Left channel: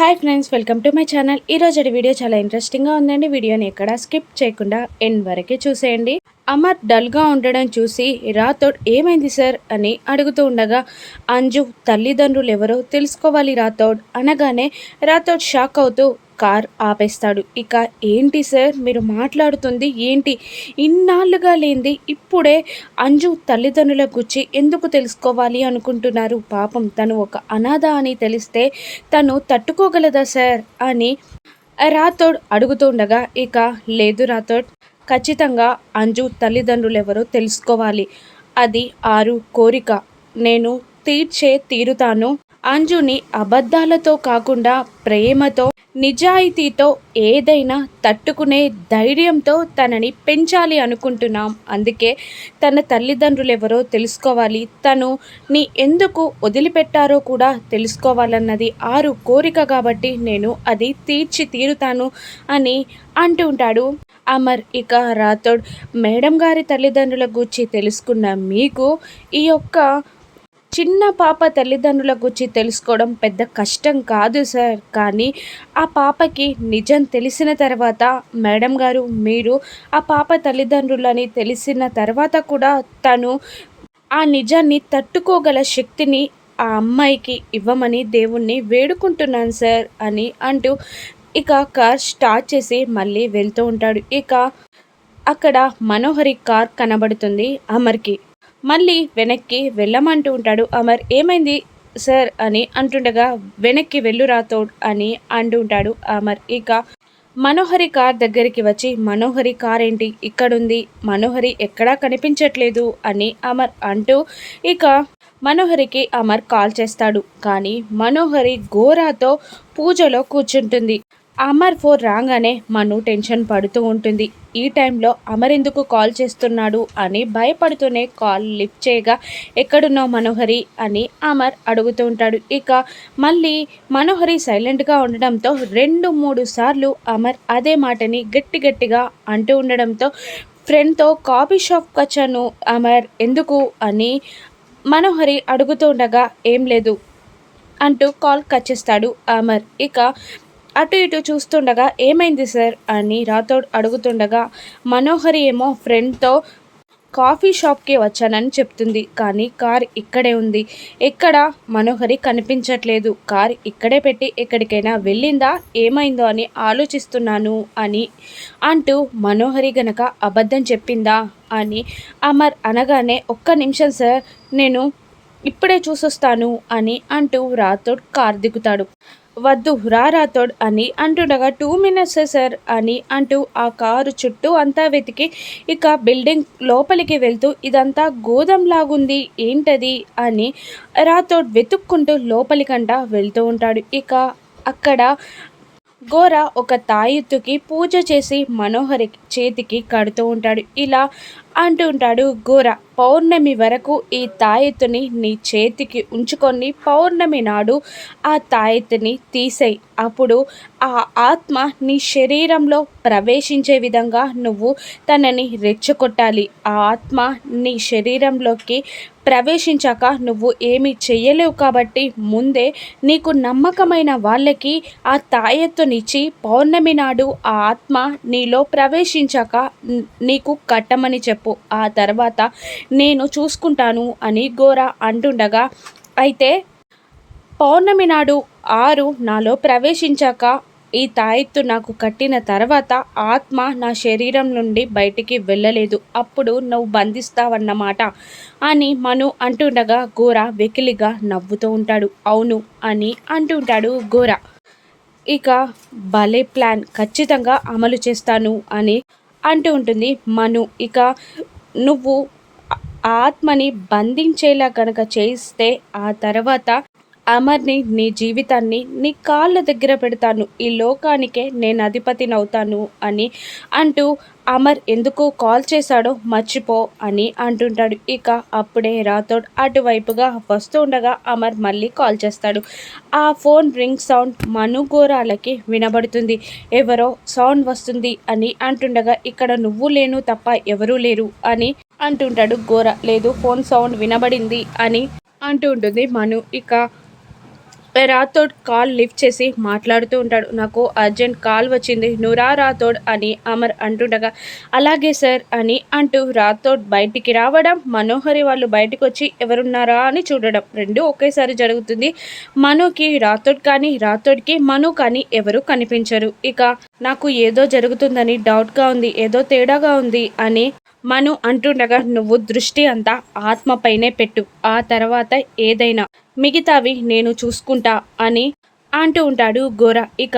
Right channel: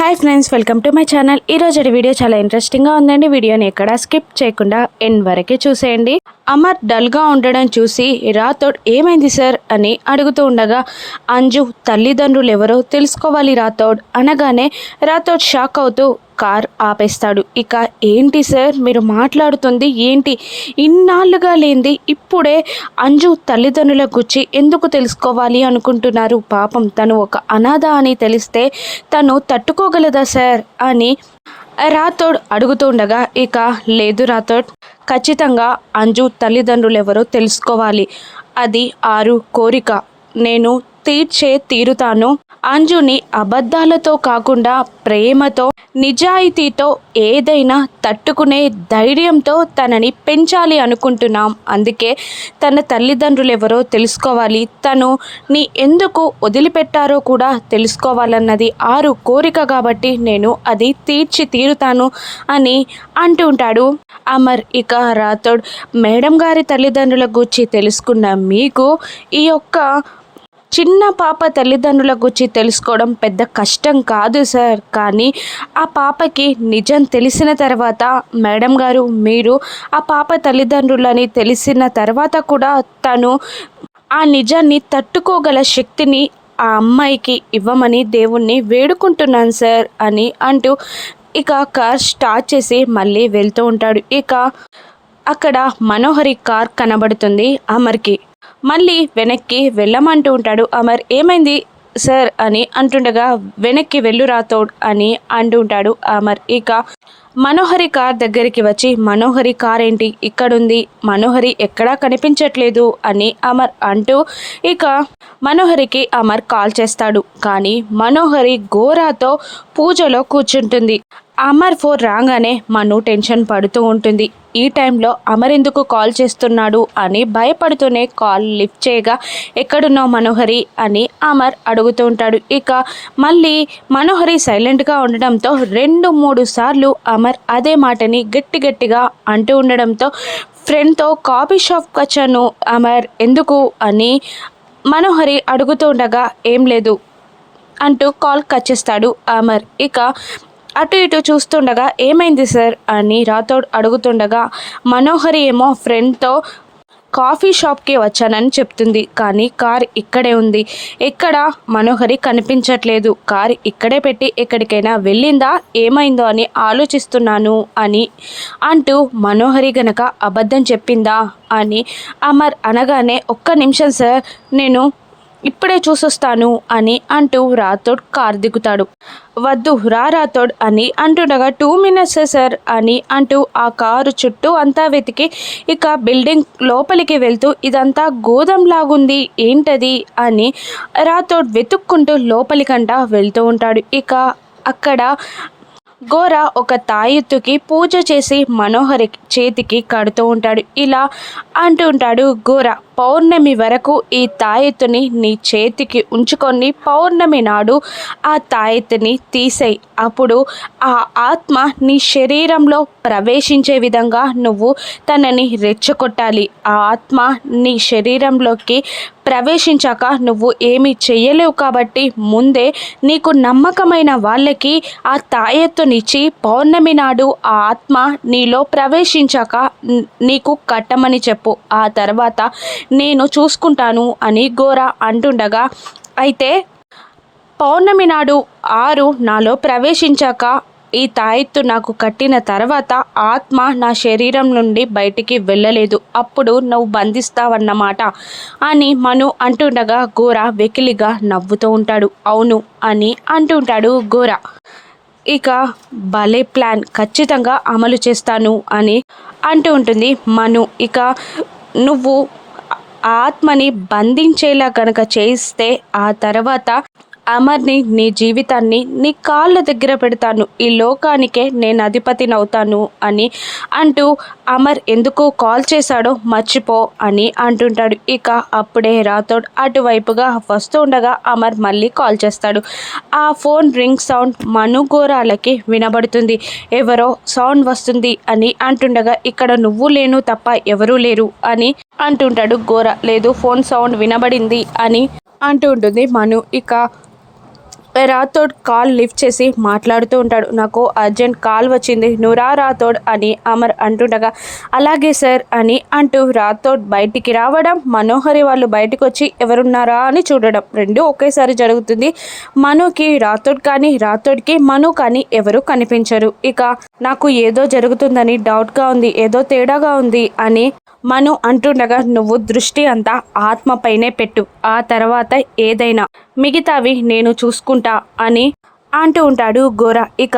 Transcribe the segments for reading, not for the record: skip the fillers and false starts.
Hi friends, welcome to my channel. ఈరోజు video చాలా ఇంట్రెస్టింగ్గా ఉందండి. వీడియోని ఎక్కడ స్కిప్ చేయకుండా ఎండ్ వరకే చూసేయండి. అమర్ డల్గా ఉండడం చూసి రాథోడ్ ఏమైంది సార్ అని అడుగుతూ ఉండగా, అంజు తల్లిదండ్రులు ఎవరో తెలుసుకోవాలి రాథోడ్ అనగానే రాథోడ్ షాక్ అవుతూ కార్ ఆపేస్తాడు. ఇక ఏంటి సార్ మీరు మాట్లాడుతుంది ఏంటి? ఇన్నాళ్ళుగా లేంది ఇప్పుడే అంజు తల్లిదండ్రుల గురించి ఎందుకు తెలుసుకోవాలి అనుకుంటున్నారు? పాపం తను ఒక అనాథ అని తెలిస్తే తను తట్టుకోగలదా సార్ అని రాథోడ్ అడుగుతుండగా, ఇక లేదు రాథోడ్, ఖచ్చితంగా అంజు తల్లిదండ్రులు ఎవరో తెలుసుకోవాలి. అది ఆరు కోరిక, నేను తీరుతాను. అంజుని అబద్ధాలతో కాకుండా ప్రేమతో, నిజాయితీతో, ఏదైనా తట్టుకునే ధైర్యంతో తనని పెంచాలి అనుకుంటున్నాం. అందుకే తన తల్లిదండ్రులు ఎవరో తెలుసుకోవాలి, తను నీ ఎందుకు వదిలిపెట్టారో కూడా తెలుసుకోవాలన్నది ఆరు కోరిక కాబట్టి నేను అది తీరుతాను అని అంటుంటాడు అమర్. ఇక రాథోడ్, మేడం గారి తల్లిదండ్రుల గురించి తెలుసుకున్న మీకు ఈ యొక్క చిన్న పాప తల్లిదండ్రుల గురించి తెలుసుకోవడం పెద్ద కష్టం కాదు సార్. కానీ ఆ పాపకి నిజం తెలిసిన తర్వాత, మేడం గారు మీరు ఆ పాప తల్లిదండ్రులని తెలిసిన తర్వాత కూడా తను ఆ నిజాన్ని తట్టుకోగల శక్తిని ఆ అమ్మాయికి ఇవ్వమని దేవుణ్ణి వేడుకుంటున్నాను సార్ అని అంటూ ఇక కార్ స్టార్ట్ చేసి మళ్ళీ వెళ్తూ ఉంటాడు. ఇక అక్కడ మనోహరి కార్ కనబడుతుంది అమర్కి. మళ్ళీ వెనక్కి వెళ్ళమంటూ ఉంటాడు అమర్. ఏమైంది సార్ అని అంటుండగా, వెనక్కి వెళ్ళు రాథోడ్ అని అంటుంటాడు అమర్. ఇక మనోహరి కార్ దగ్గరికి వచ్చి, మనోహరి కార్ ఏంటి ఇక్కడుంది, మనోహరి ఎక్కడా కనిపించట్లేదు అని అమర్ అంటూ ఇక మనోహరికి అమర్ కాల్ చేస్తాడు. కానీ మనోహరి గోరాతో పూజలో కూర్చుంటుంది. అమర్ ఫోన్ రాగానే మను టెన్షన్ పడుతూ ఉంటుంది. ఈ టైంలో అమర్ ఎందుకు కాల్ చేస్తున్నాడు అని భయపడుతూనే కాల్ లిఫ్ట్ చేయగా, ఎక్కడున్నావు మనోహరి అని అమర్ అడుగుతూ ఉంటాడు. ఇక మళ్ళీ మనోహరి సైలెంట్గా ఉండడంతో 2-3 సార్లు అమర్ అదే మాటని గట్టిగా అంటూ ఉండడంతో, ఫ్రెండ్తో కాఫీ షాప్కి వచ్చాను అమర్, ఎందుకు అని మనోహరి అడుగుతూ ఉండగా, ఏం లేదు అంటూ కాల్ కట్ చేస్తాడు అమర్. ఇక అటు ఇటు చూస్తుండగా, ఏమైంది సార్ అని రాథోడ్ అడుగుతుండగా, మనోహరి ఏమో ఫ్రెండ్తో కాఫీ షాప్కి వచ్చానని చెప్తుంది. కానీ కార్ ఇక్కడే ఉంది, ఎక్కడ మనోహరి కనిపించట్లేదు, కార్ ఇక్కడే పెట్టి ఎక్కడికైనా వెళ్ళిందా, ఏమైందో అని ఆలోచిస్తున్నాను అని అంటూ, మనోహరి గనక అబద్ధం చెప్పిందా అని అమర్ అనగానే, ఒక్క నిమిషం సార్ నేను ఇప్పుడే చూసొస్తాను అని అంటూ రాథోడ్ కార్ దిగుతాడు. వద్దు రా రాథోడ్ అని అంటుండగా, 2 minutes సార్ అని అంటూ ఆ కారు చుట్టూ అంతా వెతికి ఇక బిల్డింగ్ లోపలికి వెళ్తూ, ఇదంతా గోదాంలాగుంది ఏంటది అని రాథోడ్ వెతుక్కుంటూ లోపలికంట వెళ్తూ ఉంటాడు. ఇక అక్కడ గోరా ఒక తాయెత్తుకి పూజ చేసి మనోహరి చేతికి కడుతూ ఉంటాడు. ఇలా అంటూ ఉంటాడు గోరా, పౌర్ణమి వరకు ఈ తాయెత్తుని నీ చేతికి ఉంచుకొని పౌర్ణమి నాడు ఆ తాయెత్తుని తీసేయి. అప్పుడు ఆ ఆత్మ నీ శరీరంలో ప్రవేశించే విధంగా నువ్వు తనని రెచ్చగొట్టాలి. ఆ ఆత్మ నీ శరీరంలోకి ప్రవేశించాక నువ్వు ఏమీ చెయ్యలేవు కాబట్టి ముందే నీకు నమ్మకమైన వాళ్ళకి ఆ తాయెత్తునిచ్చి పౌర్ణమి నాడు ఆ ఆత్మ నీలో ప్రవేశించాక నీకు కట్టమని చెప్పు. ఆ తర్వాత నేను చూసుకుంటాను అని గోరా అంటుండగా, అయితే పౌర్ణమి నాడు 6 నాలో ప్రవేశించాక ఈ తాయెత్తు నాకు కట్టిన తర్వాత ఆత్మ నా శరీరం నుండి బయటికి వెళ్ళలేదు, అప్పుడు నువ్వు బంధిస్తావన్నమాట అని మను అంటుండగా, గోరా వెకిలిగా నవ్వుతూ ఉంటాడు. అవును అని అంటుంటాడు గోరా. ఇక భలే ప్లాన్, ఖచ్చితంగా అమలు చేస్తాను అని అంటూ ఉంటుంది మను. ఇక నువ్వు ఆత్మని బంధించేలా కనుక చేస్తే ఆ తర్వాత అమర్ని, నీ జీవితాన్ని నీ కాళ్ళ దగ్గర పెడతాను, ఈ లోకానికే నేను అధిపతినవుతాను అని అంటూ, అమర్ ఎందుకు కాల్ చేశాడో మర్చిపో అని అంటుంటాడు. ఇక అప్పుడే రాథోడ్ అటువైపుగా వస్తూ ఉండగా అమర్ మళ్ళీ కాల్ చేస్తాడు. ఆ ఫోన్ రింగ్ సౌండ్ మనుగోరాలకి వినబడుతుంది. ఎవరో సౌండ్ వస్తుంది అని అంటుండగా, ఇక్కడ నువ్వు లేను తప్ప ఎవరూ లేరు అని అంటుంటాడు గోరా. లేదు ఫోన్ సౌండ్ వినబడింది అని అంటూ ఉంటుంది మను. ఇక రాథోడ్ కాల్ లిఫ్ట్ చేసి మాట్లాడుతూ ఉంటాడు. నాకు అర్జెంట్ కాల్ వచ్చింది, నువ్వు రా రాథోడ్ అని అమర్ అంటుండగా అలాగే సార్ అని అంటూ రాథోడ్ బయటికి రావడం, మనోహరి వాళ్ళు బయటకు వచ్చి ఎవరున్నారా అని చూడడం రెండు ఒకేసారి జరుగుతుంది. మనుకి రాథోడ్ కానీ రాథోడ్కి మను కానీ ఎవరు కనిపించరు. ఇక నాకు ఏదో జరుగుతుందని డౌట్గా ఉంది, ఏదో తేడాగా ఉంది అని మను అంటుండగా నువ్వు దృష్టి అంతా ఆత్మపైనే పెట్టు, ఆ తర్వాత ఏదైనా మిగతావి నేను చూసుకుంటా అని అంటూ ఉంటాడు గోరా. ఇక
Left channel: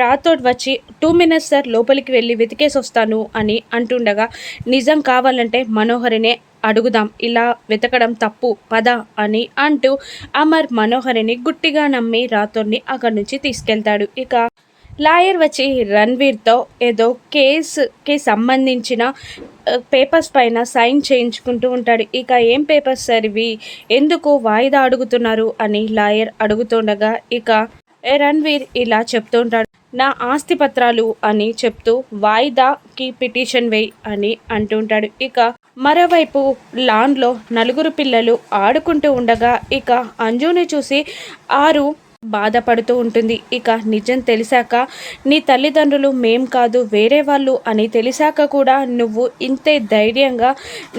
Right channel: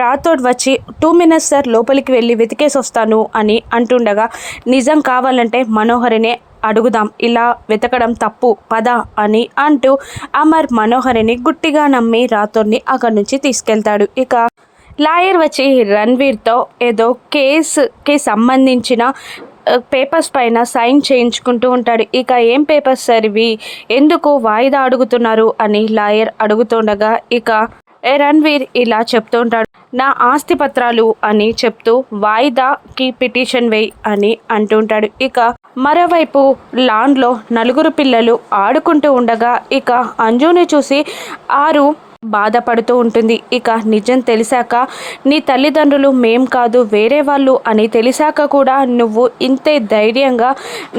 రాథోడ్ వచ్చి 2 minutes సార్, లోపలికి వెళ్ళి వెతికేసి వస్తాను అని అంటుండగా నిజం కావాలంటే మనోహరినే అడుగుదాం, ఇలా వెతకడం తప్పు పద అని అంటూ అమర్ మనోహరిని గుట్టిగా నమ్మి రాథోడ్ని అక్కడి నుంచి తీసుకెళ్తాడు. ఇక లాయర్ వచ్చి రణ్వీర్తో ఏదో కేసుకి సంబంధించిన పేపర్స్ పైన సైన్ చేయించుకుంటూ ఉంటాడు. ఇక ఏం పేపర్స్ సార్ ఇవి, ఎందుకు వాయిదా అడుగుతున్నారు అని లాయర్ అడుగుతుండగా ఇక రణ్వీర్ ఇలా చెప్తూ ఉంటాడు, నా ఆస్తి పత్రాలు అని చెప్తూ వాయిదాకి పిటిషన్ వేయి అని అంటుంటాడు. ఇక మరోవైపు లాన్లో 4 పిల్లలు ఆడుకుంటూ ఉండగా ఇక అంజుని చూసి ఆరు బాధపడుతూ ఉంటుంది. ఇక నిజం తెలిసాక నీ తల్లిదండ్రులు మేం కాదు వేరే వాళ్ళు అని తెలిసాక కూడా నువ్వు ఇంతే ధైర్యంగా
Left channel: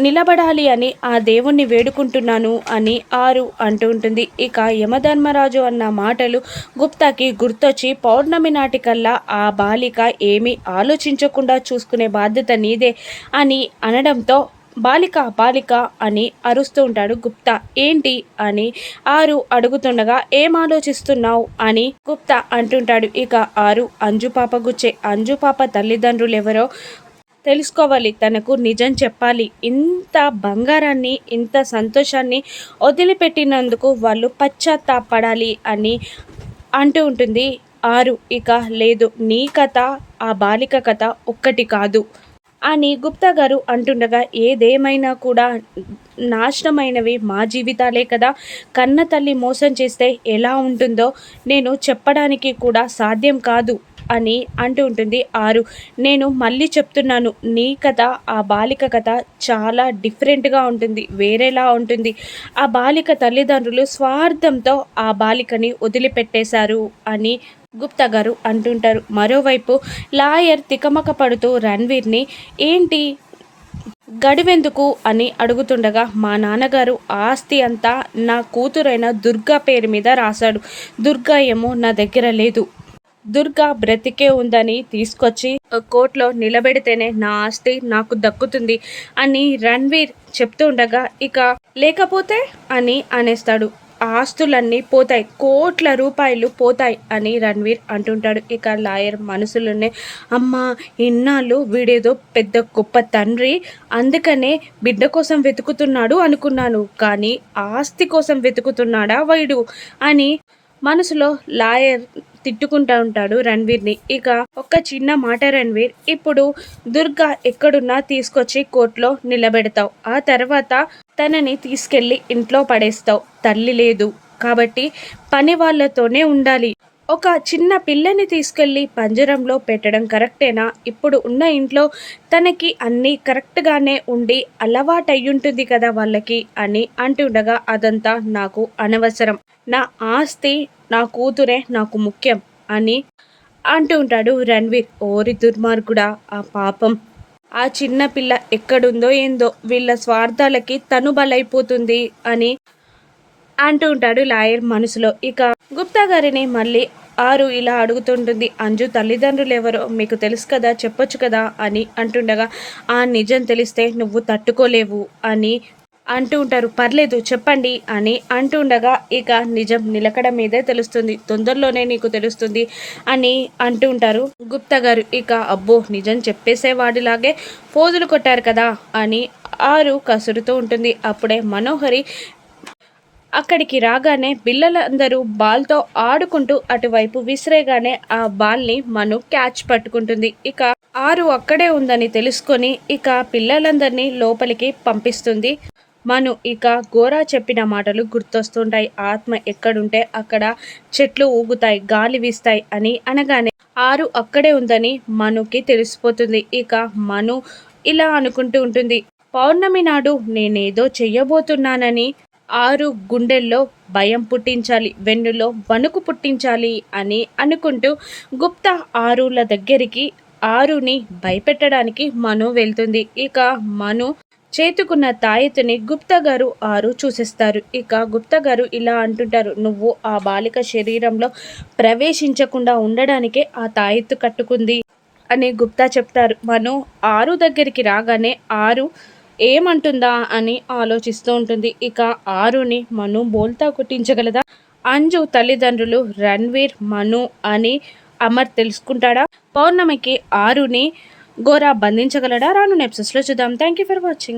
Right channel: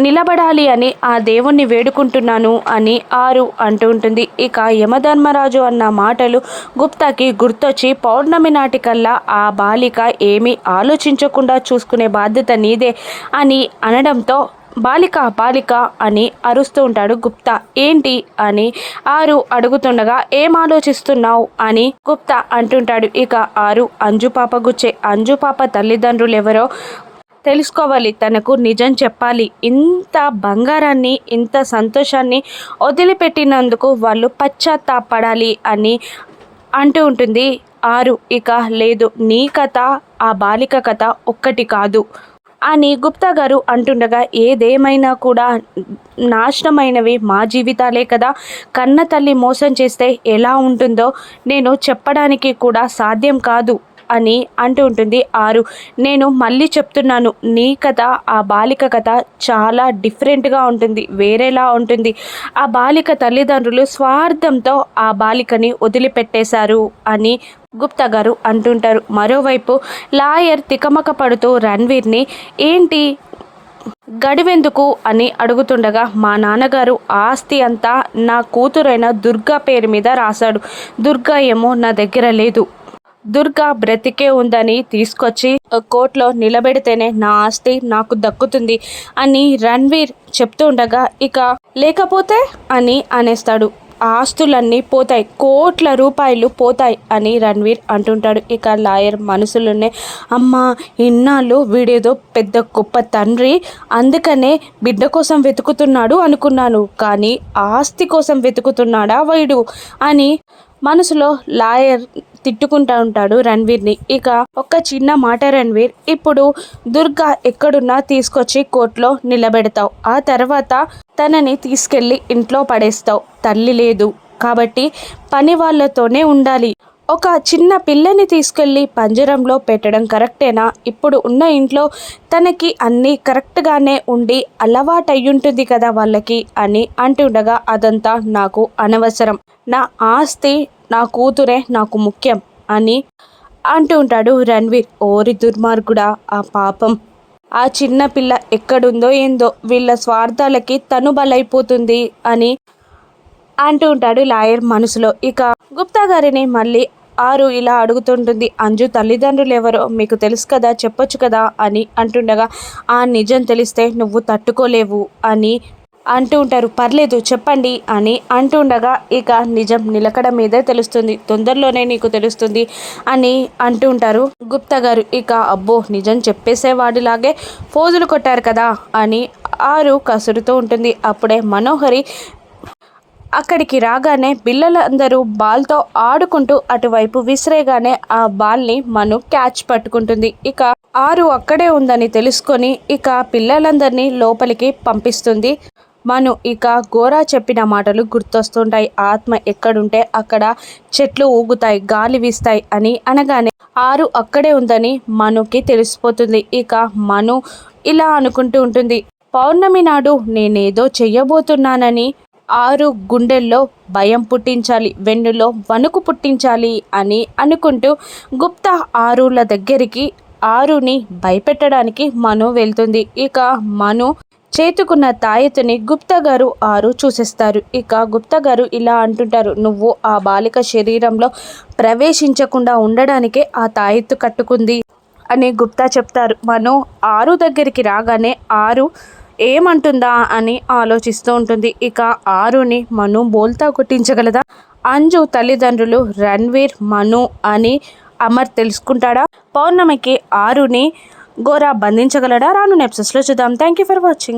నిలబడాలి అని ఆ దేవుణ్ణి వేడుకుంటున్నాను అని ఆరు అంటూ ఉంటుంది. ఇక యమధర్మరాజు అన్న మాటలు గుప్తాకి గుర్తొచ్చి పౌర్ణమి నాటికల్లా ఆ బాలిక ఏమీ ఆలోచించకుండా చూసుకునే బాధ్యత నీదే అని అనడంతో బాలిక బాలిక అని అరుస్తూ ఉంటాడు గుప్తా. ఏంటి అని ఆరు అడుగుతుండగా ఏం ఆలోచిస్తున్నావు అని గుప్తా అంటుంటాడు. ఇక ఆరు అంజు పాప గుచ్చే, అంజు పాప తల్లిదండ్రులు ఎవరో తెలుసుకోవాలి, తనకు నిజం చెప్పాలి, ఇంత బంగారాన్ని ఇంత సంతోషాన్ని వదిలిపెట్టినందుకు వాళ్ళు పశ్చాత్తాపడాలి అని అంటూ ఉంటుంది ఆరు. ఇక లేదు, నీ కథ ఆ బాలిక కథ ఒక్కటి కాదు అని గుప్తా గారు అంటుండగా ఏదేమైనా కూడా నాశనమైనవి మా జీవితాలే కదా, కన్న తల్లి మోసం చేస్తే ఎలా ఉంటుందో నేను చెప్పడానికి కూడా సాధ్యం కాదు అని అంటూ ఉంటుంది ఆరు. నేను మళ్ళీ చెప్తున్నాను, నీ కథ ఆ బాలిక కథ చాలా డిఫరెంట్గా ఉంటుంది, వేరేలా ఉంటుంది. ఆ బాలిక తల్లిదండ్రులు స్వార్థంతో ఆ బాలికని వదిలిపెట్టేశారు అని గుప్తా గారు అంటుంటారు. మరోవైపు లాయర్ తికమక పడుతూ రణ్వీర్ని ఏంటి గడివెందుకు అని అడుగుతుండగా మా నాన్నగారు ఆస్తి అంతా నా కూతురైన దుర్గా పేరు మీద రాశాడు, దుర్గా ఏమో నా దగ్గర లేదు, దుర్గా బ్రతికే ఉందని తీసుకొచ్చి కోర్టులో నిలబెడితేనే నా ఆస్తి నాకు దక్కుతుంది అని రణ్వీర్ చెప్తుండగా ఇక లేకపోతే అని అనేస్తాడు, ఆస్తులన్నీ పోతాయి, కోట్ల రూపాయలు పోతాయి అని రణ్వీర్ అంటుంటాడు. ఇక లాయర్ మనసులోనే అమ్మ ఇన్నాళ్ళు వీడేదో పెద్ద గొప్ప తండ్రి అందుకనే బిడ్డ కోసం వెతుకుతున్నాడు అనుకున్నాను, కానీ ఆస్తి కోసం వెతుకుతున్నాడా వీడు అని మనసులో లాయర్ తిట్టుకుంటూ ఉంటాడు రణ్వీర్ని. ఇక ఒక చిన్న మాట రణ్వీర్, ఇప్పుడు దుర్గా ఎక్కడున్నా తీసుకొచ్చి కోర్టులో నిలబెడతావు, ఆ తర్వాత తనని తీసుకెళ్ళి ఇంట్లో పడేస్తావు, తల్లి లేదు కాబట్టి పని వాళ్ళతోనే ఉండాలి, ఒక చిన్న పిల్లని తీసుకెళ్ళి పంజరంలో పెట్టడం కరెక్టేనా, ఇప్పుడు ఉన్న ఇంట్లో తనకి అన్నీ కరెక్ట్గానే ఉండి అలవాటయ్యుంటుంది కదా వాళ్ళకి అని అంటుండగా అదంతా నాకు అనవసరం, నా ఆస్తి నా కూతురే నాకు ముఖ్యం అని అంటూ ఉంటాడు రణ్వీర్. ఓరి దుర్మార్గుడా, ఆ పాపం ఆ చిన్న పిల్ల ఎక్కడుందో ఏందో, వీళ్ళ స్వార్థాలకి తను బలైపోతుంది అని అంటూ ఉంటాడు లాయర్ మనసులో. ఇక గుప్తా గారిని మళ్ళీ ఆరు ఇలా అడుగుతుంటుంది, అంజు తల్లిదండ్రులు ఎవరో మీకు తెలుసు కదా, చెప్పొచ్చు కదా అని అంటుండగా ఆ నిజం తెలిస్తే నువ్వు తట్టుకోలేవు అని అంటూ ఉంటారు. పర్లేదు చెప్పండి అని అంటుండగా ఇక నిజం నిలకడ మీదే తెలుస్తుంది, తొందరలోనే నీకు తెలుస్తుంది అని అంటూ ఉంటారు గుప్తా గారు. ఇక అబ్బో నిజం చెప్పేసేవాడిలాగే ఫోజులు కొట్టారు కదా అని ఆరు కసురుతూ ఉంటుంది. అప్పుడే మనోహరి అక్కడికి రాగానే పిల్లలందరూ బాల్తో ఆడుకుంటూ అటువైపు విసిరేగానే ఆ బాల్ని మను క్యాచ్ పట్టుకుంటుంది. ఇక ఆరు అక్కడే ఉందని తెలుసుకొని ఇక పిల్లలందరినీ లోపలికి పంపిస్తుంది మను. ఇక గోరా చెప్పిన మాటలు గుర్తొస్తుంటాయి, ఆత్మ ఎక్కడుంటే అక్కడ చెట్లు ఊగుతాయి, గాలి వీస్తాయి అని అనగానే ఆరు అక్కడే ఉందని మనుకి తెలిసిపోతుంది. ఇక మను ఇలా అనుకుంటూ ఉంటుంది, పౌర్ణమి నాడు నేనేదో చెయ్యబోతున్నానని ఆరు గుండెల్లో భయం పుట్టించాలి, వెన్నులో వణుకు పుట్టించాలి అని అనుకుంటూ గుప్తా ఆరుల దగ్గరికి ఆరుని భయపెట్టడానికి మను వెళ్తుంది. ఇక మను చేతుకున్న తాయెత్తుని గుప్తా గారు ఆరు చూసేస్తారు. ఇక గుప్తా గారు ఇలా అంటుంటారు, నువ్వు ఆ బాలిక శరీరంలో ప్రవేశించకుండా ఉండడానికే ఆ తాయెత్తు కట్టుకుంది అని గుప్తా చెప్తారు. మను ఆరు దగ్గరికి రాగానే ఆరు ఏమంటుందా అని ఆలోచిస్తూ ఉంటుంది. ఇక ఆరుని మను బోల్తా కొట్టించగలదా? అంజు తల్లిదండ్రులు రణ్వీర్, మను అని అమర్ తెలుసుకుంటాడా? పౌర్ణమికి ఆరుని గోరా బంధించగలడా? రాను ఎపిసోడ్స్లో చూద్దాం. Thank you for watching.